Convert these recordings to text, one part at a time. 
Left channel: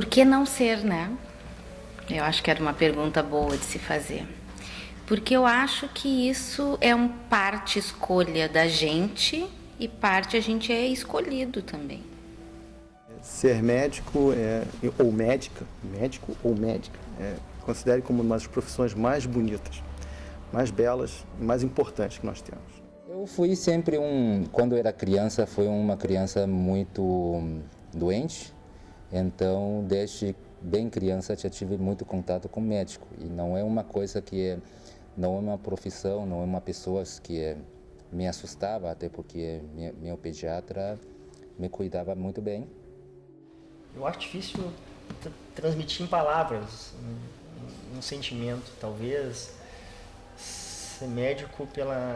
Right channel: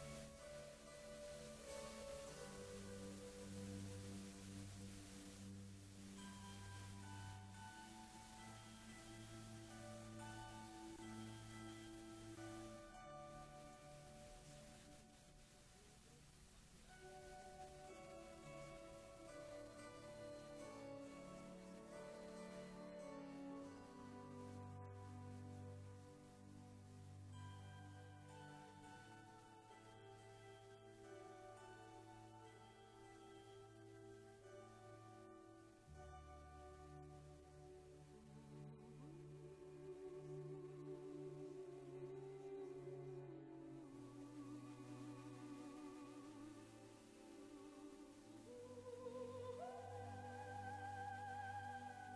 Por que não ser, né? Eu acho que era uma pergunta boa de se fazer. Porque eu acho que isso é parte escolha da gente e parte a gente é escolhido também. Ser médico ou médica, médico ou médica, considere como uma das profissões mais bonitas, mais belas e mais importantes que nós temos. Eu fui sempre quando era criança, fui uma criança muito doente, então desde bem criança já tive muito contato com médico e não é uma coisa não é uma profissão, não é uma pessoa que me assustava, até porque meu pediatra me cuidava muito bem. Eu acho difícil transmitir em palavras um sentimento, talvez ser médico pela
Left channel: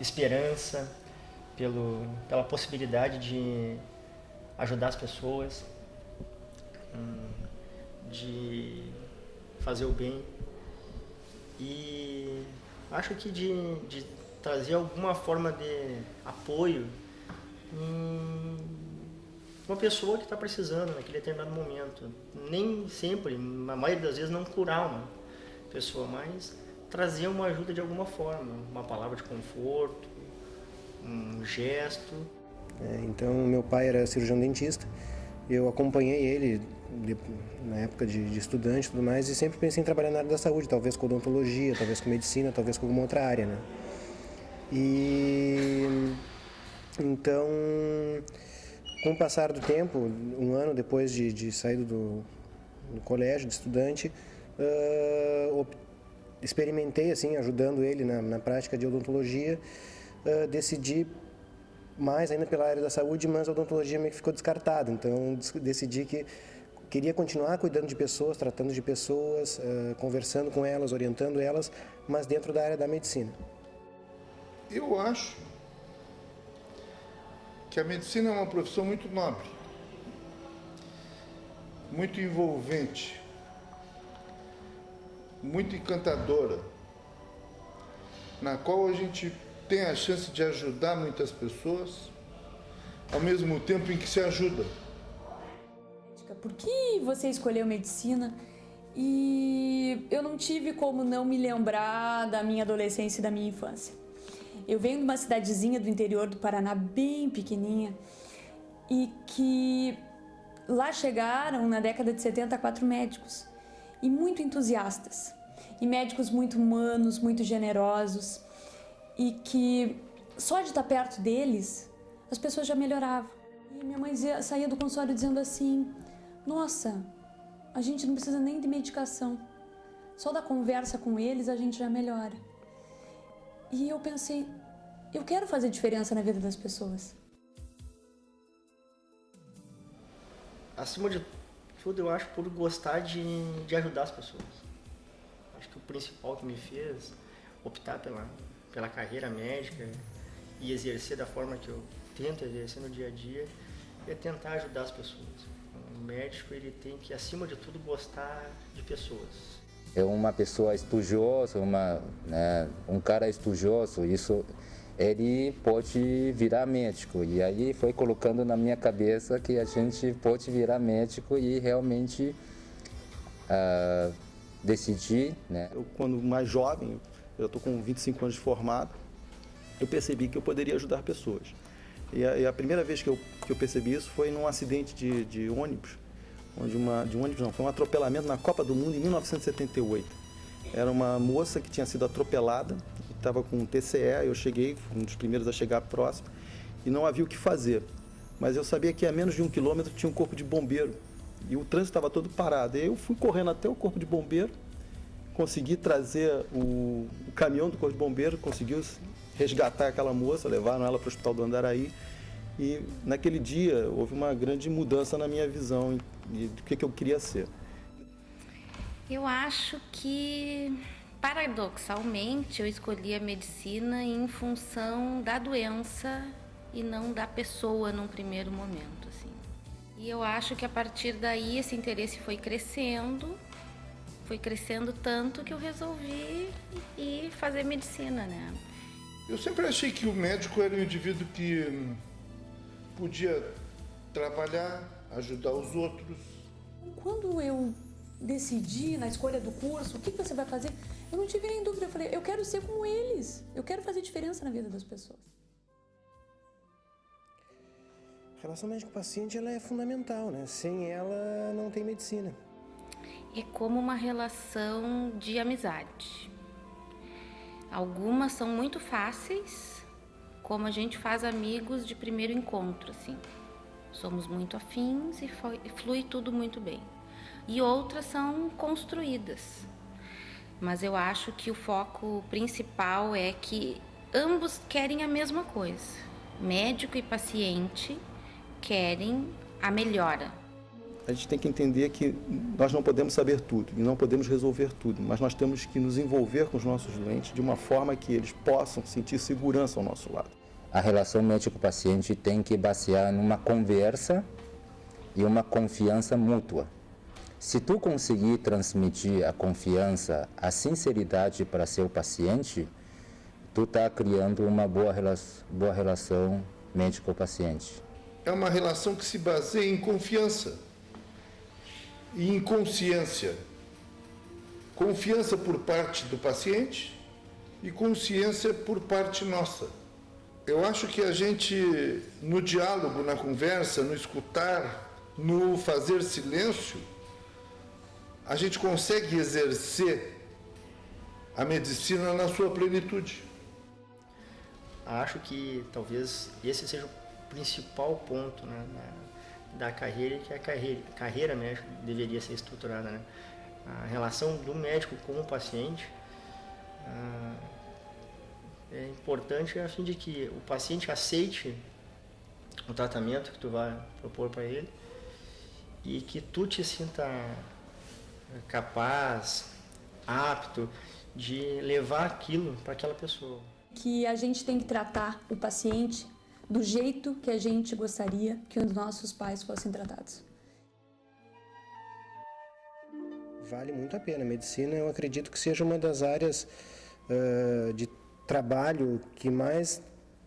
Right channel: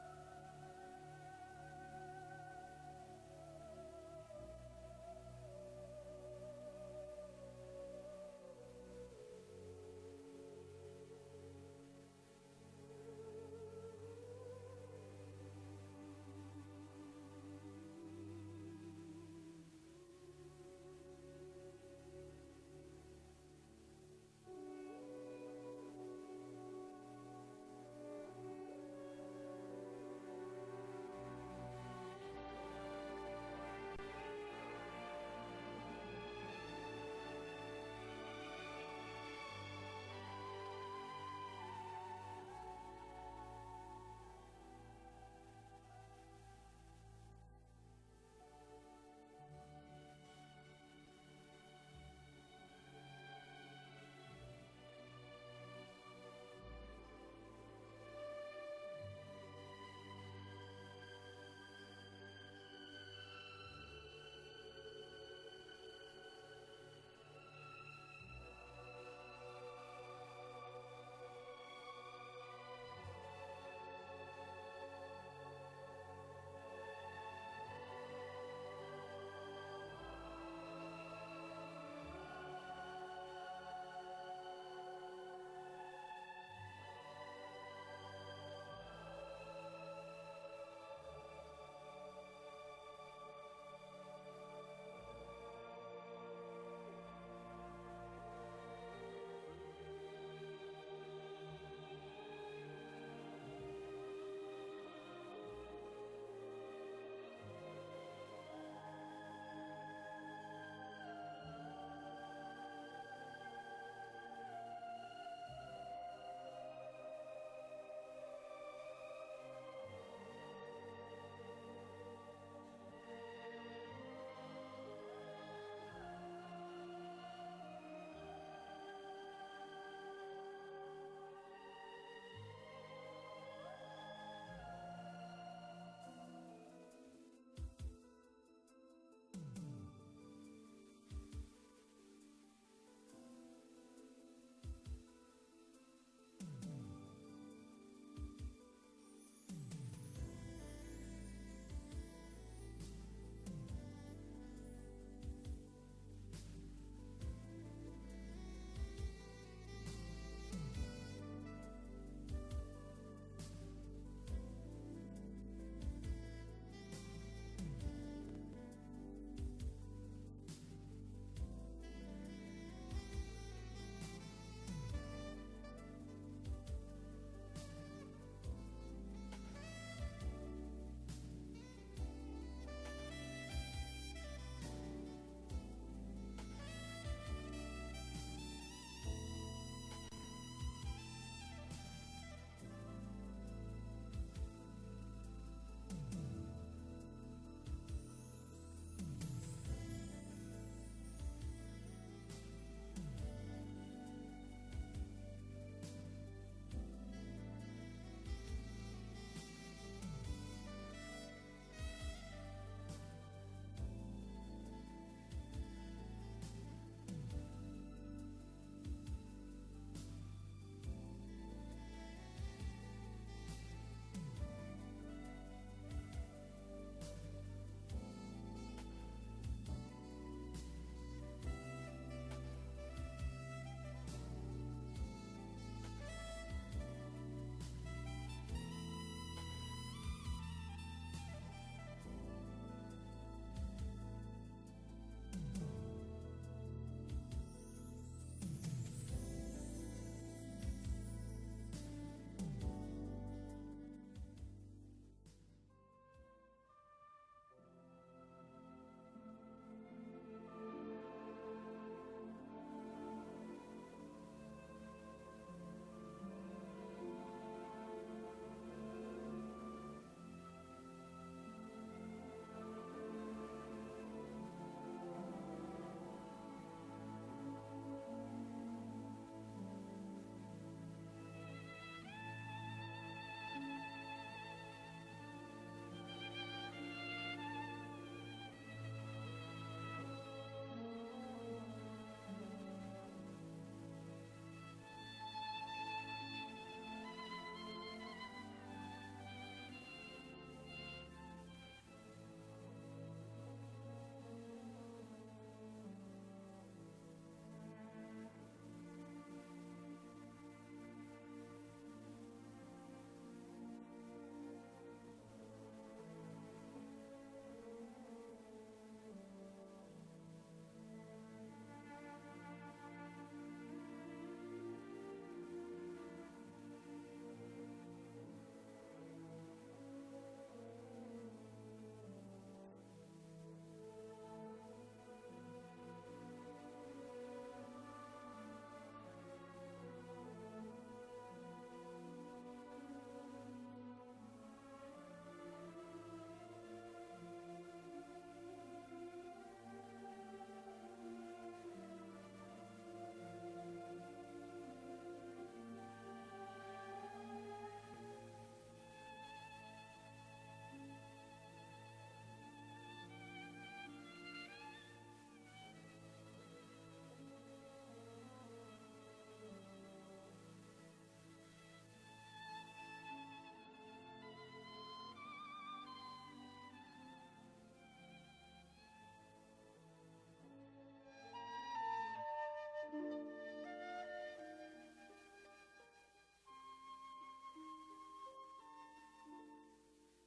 esperança, pela possibilidade de ajudar as pessoas, de fazer o bem e acho que de trazer alguma forma de apoio uma pessoa que está precisando naquele determinado momento. Nem sempre, na maioria das vezes, não curar uma pessoa, mas trazer uma ajuda de alguma forma, uma palavra de conforto, um gesto. Então, meu pai era cirurgião dentista, eu acompanhei ele na época de estudante e tudo mais, e sempre pensei em trabalhar na área da saúde, talvez com odontologia, talvez com medicina, talvez com alguma outra área, né? E então, com o passar do tempo, um ano depois de sair do colégio, de estudante, experimentei, assim, ajudando ele na prática de odontologia, decidi mais ainda pela área da saúde, mas a odontologia meio que ficou descartada, então decidi que queria continuar cuidando de pessoas, tratando de pessoas, conversando com elas, orientando elas, mas dentro da área da medicina. Eu acho que a medicina é uma profissão muito nobre, muito envolvente, muito encantadora, na qual a gente tem a chance de ajudar muitas pessoas, ao mesmo tempo em que se ajuda. Por que você escolheu medicina? E eu não tive como não me lembrar da minha adolescência e da minha infância. Eu venho de uma cidadezinha do interior do Paraná, bem pequenininha, e que lá chegaram, na década de 70, 4 médicos, e muito entusiastas, e médicos muito humanos, muito generosos, e que só de estar perto deles, as pessoas já melhoravam. E minha mãe saía do consultório dizendo assim: nossa, a gente não precisa nem de medicação, só da conversa com eles a gente já melhora. E eu pensei, eu quero fazer diferença na vida das pessoas. Acima de tudo, eu acho por gostar de ajudar as pessoas. Acho que o principal que me fez optar pela carreira médica e exercer da forma que eu tento exercer no dia a dia é tentar ajudar as pessoas. O médico, ele tem que, acima de tudo, gostar de pessoas. É uma pessoa estudiosa, um cara estudioso, isso ele pode virar médico. E aí foi colocando na minha cabeça que a gente pode virar médico e realmente decidir, né? Eu, quando mais jovem, eu estou com 25 anos de formado, eu percebi que eu poderia ajudar pessoas. E a primeira vez que eu percebi isso foi num acidente de ônibus, foi um atropelamento na Copa do Mundo em 1978. Era uma moça que tinha sido atropelada, estava com TCE, eu cheguei, fui um dos primeiros a chegar próximo, e não havia o que fazer. Mas eu sabia que a menos de 1 quilômetro tinha um corpo de bombeiro, e o trânsito estava todo parado. E eu fui correndo até o corpo de bombeiro, consegui trazer o caminhão do corpo de bombeiro, conseguiu resgatar aquela moça, levaram ela para o hospital do Andaraí, e naquele dia houve uma grande mudança na minha visão do que eu queria ser. Eu acho que, paradoxalmente, eu escolhi a medicina em função da doença e não da pessoa num primeiro momento, assim. E eu acho que a partir daí esse interesse foi crescendo tanto que eu resolvi ir fazer medicina, né? Eu sempre achei que o médico era um indivíduo que podia trabalhar, ajudar os outros, quando eu decidi na escolha do curso, o que você vai fazer, eu não tive nem dúvida. Eu falei, eu quero ser como eles. Eu quero fazer diferença na vida das pessoas. A relação médico-paciente ela é fundamental, né? Sem ela não tem medicina. É como uma relação de amizade. Algumas são muito fáceis, como a gente faz amigos de primeiro encontro, assim. Somos muito afins e flui tudo muito bem. E outras são construídas. Mas eu acho que o foco principal é que ambos querem a mesma coisa. Médico e paciente querem a melhora. A gente tem que entender que nós não podemos saber tudo e não podemos resolver tudo, mas nós temos que nos envolver com os nossos doentes de uma forma que eles possam sentir segurança ao nosso lado. A relação médico-paciente tem que basear numa conversa e uma confiança mútua. Se tu conseguir transmitir a confiança, a sinceridade para seu paciente, tu está criando uma boa relação médico-paciente. É uma relação que se baseia em confiança e em consciência. Confiança por parte do paciente e consciência por parte nossa. Eu acho que a gente, no diálogo, na conversa, no escutar, no fazer silêncio, a gente consegue exercer a medicina na sua plenitude. Acho que talvez esse seja o principal ponto, né, da carreira, que a carreira médica deveria ser estruturada, né? A relação do médico com o paciente é importante a fim de que o paciente aceite o tratamento que tu vai propor para ele e que tu te sinta capaz, apto de levar aquilo para aquela pessoa. Que a gente tem que tratar o paciente do jeito que a gente gostaria que os nossos pais fossem tratados. Vale muito a pena. A medicina, eu acredito que seja uma das áreas de trabalho que mais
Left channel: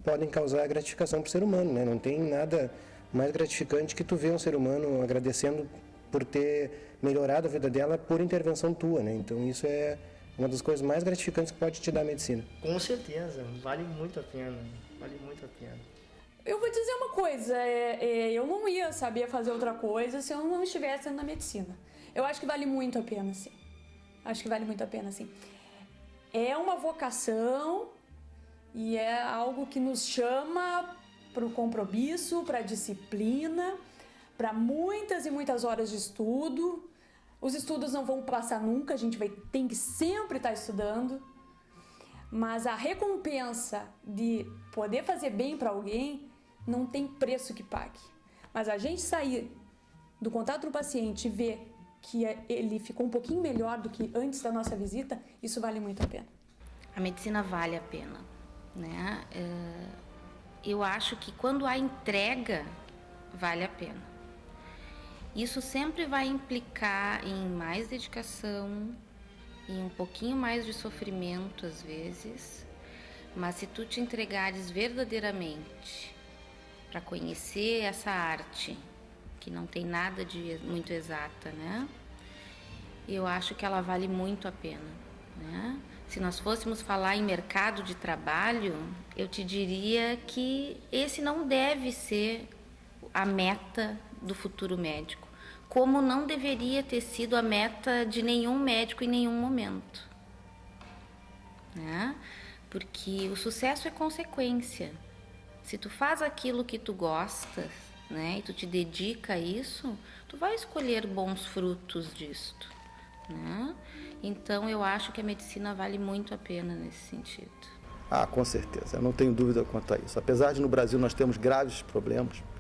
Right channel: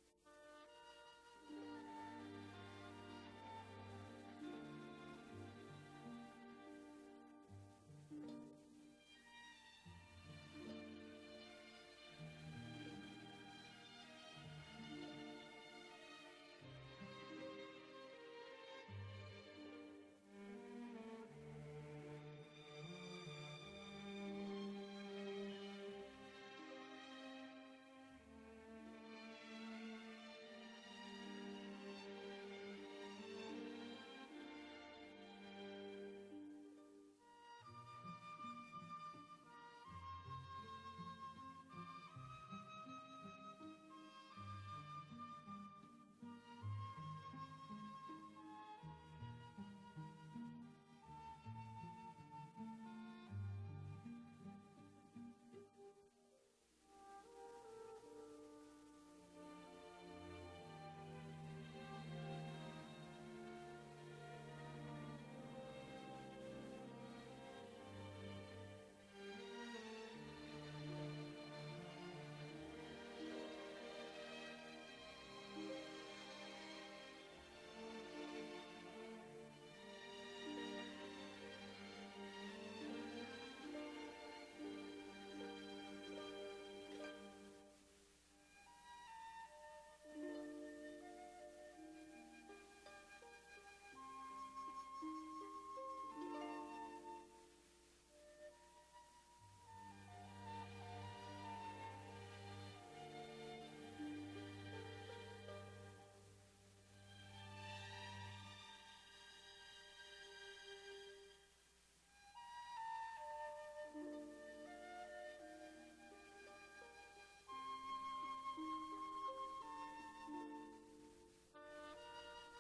podem causar gratificação para o ser humano, né? Não tem nada mais gratificante que tu ver um ser humano agradecendo por ter melhorado a vida dela por intervenção tua, né? Então isso é uma das coisas mais gratificantes que pode te dar a medicina. Com certeza, vale muito a pena, vale muito a pena. Eu vou dizer uma coisa, eu não ia saber fazer outra coisa se eu não estivesse na medicina. Eu acho que vale muito a pena, sim. Acho que vale muito a pena, sim. É uma vocação e é algo que nos chama para o compromisso, para a disciplina, para muitas e muitas horas de estudo. Os estudos não vão passar nunca, a gente tem que sempre estar estudando. Mas a recompensa de poder fazer bem para alguém não tem preço que pague. Mas a gente sair do contato do paciente e ver que ele ficou um pouquinho melhor do que antes da nossa visita, isso vale muito a pena. A medicina vale a pena, né? Eu acho que quando há entrega, vale a pena. Isso sempre vai implicar em mais dedicação, em um pouquinho mais de sofrimento às vezes, mas se tu te entregares verdadeiramente para conhecer essa arte, que não tem nada de muito exata, né? Eu acho que ela vale muito a pena, né? Se nós fôssemos falar em mercado de trabalho, eu te diria que esse não deve ser a meta do futuro médico, como não deveria ter sido a meta de nenhum médico em nenhum momento, né? Porque o sucesso é consequência. Se tu faz aquilo que tu gostas, né, e tu te dedica a isso, tu vai escolher bons frutos disto, né? Então eu acho que a medicina vale muito a pena nesse sentido. Ah, com certeza, eu não tenho dúvida quanto a isso. Apesar de no Brasil nós temos graves problemas,